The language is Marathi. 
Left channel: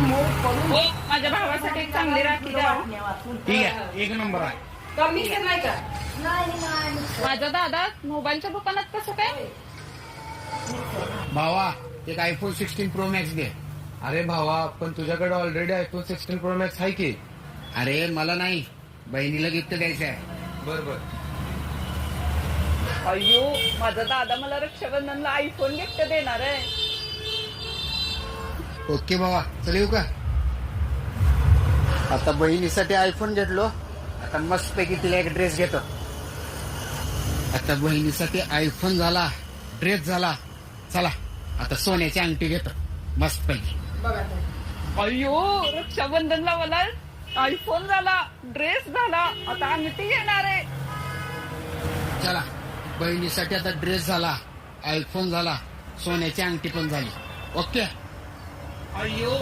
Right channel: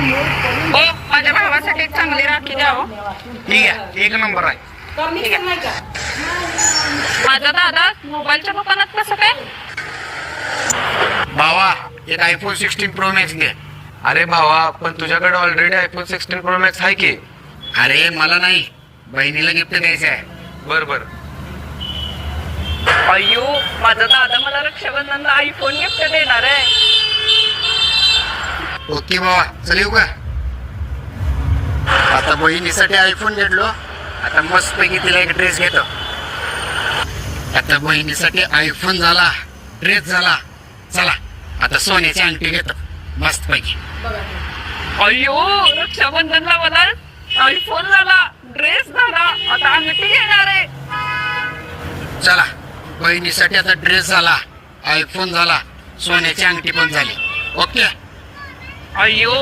हो, माझ्या भावासाठी एक चांगली राखी द्यावं. ठीक आहे, एक नंबर आहे. माझा दादा मोबाईलच्या दुकानात कसं काय? भावा, एक आयफोन 16 प्रो मॅक्स घे. अरे भावा, पण तुझ्याकडे ऑलरेडी आयफोन 16 प्रो मॅक्स आहे की. अरे मला नाही, बहिणीला गिफ्ट द्यायचं आहे. बर बर. अय्यो, माझा दादा मला रक्षाबंधनला आयफोन गिफ्ट देणार आहे. ओके भावा, चल येऊ का? आता बहिणीसाठी आयफोन घेतलो, आता मस्त पैकी तिला एक ड्रेस घेतो. आता बहिणीसाठी आयफोन झाला, ड्रेस झाला. चला आता सोन्याची अंगठी घेतो मस्त पैकी. अय्यो, रक्षाबंधनला मला आयफोन झाला, ड्रेस झाला, आता अंगठी घेणार आहे. चला, बहिणीसाठी आता ड्रेस झाला, आयफोन झाला, सोन्याची अंगठी पण झाली. ओके. अय्यो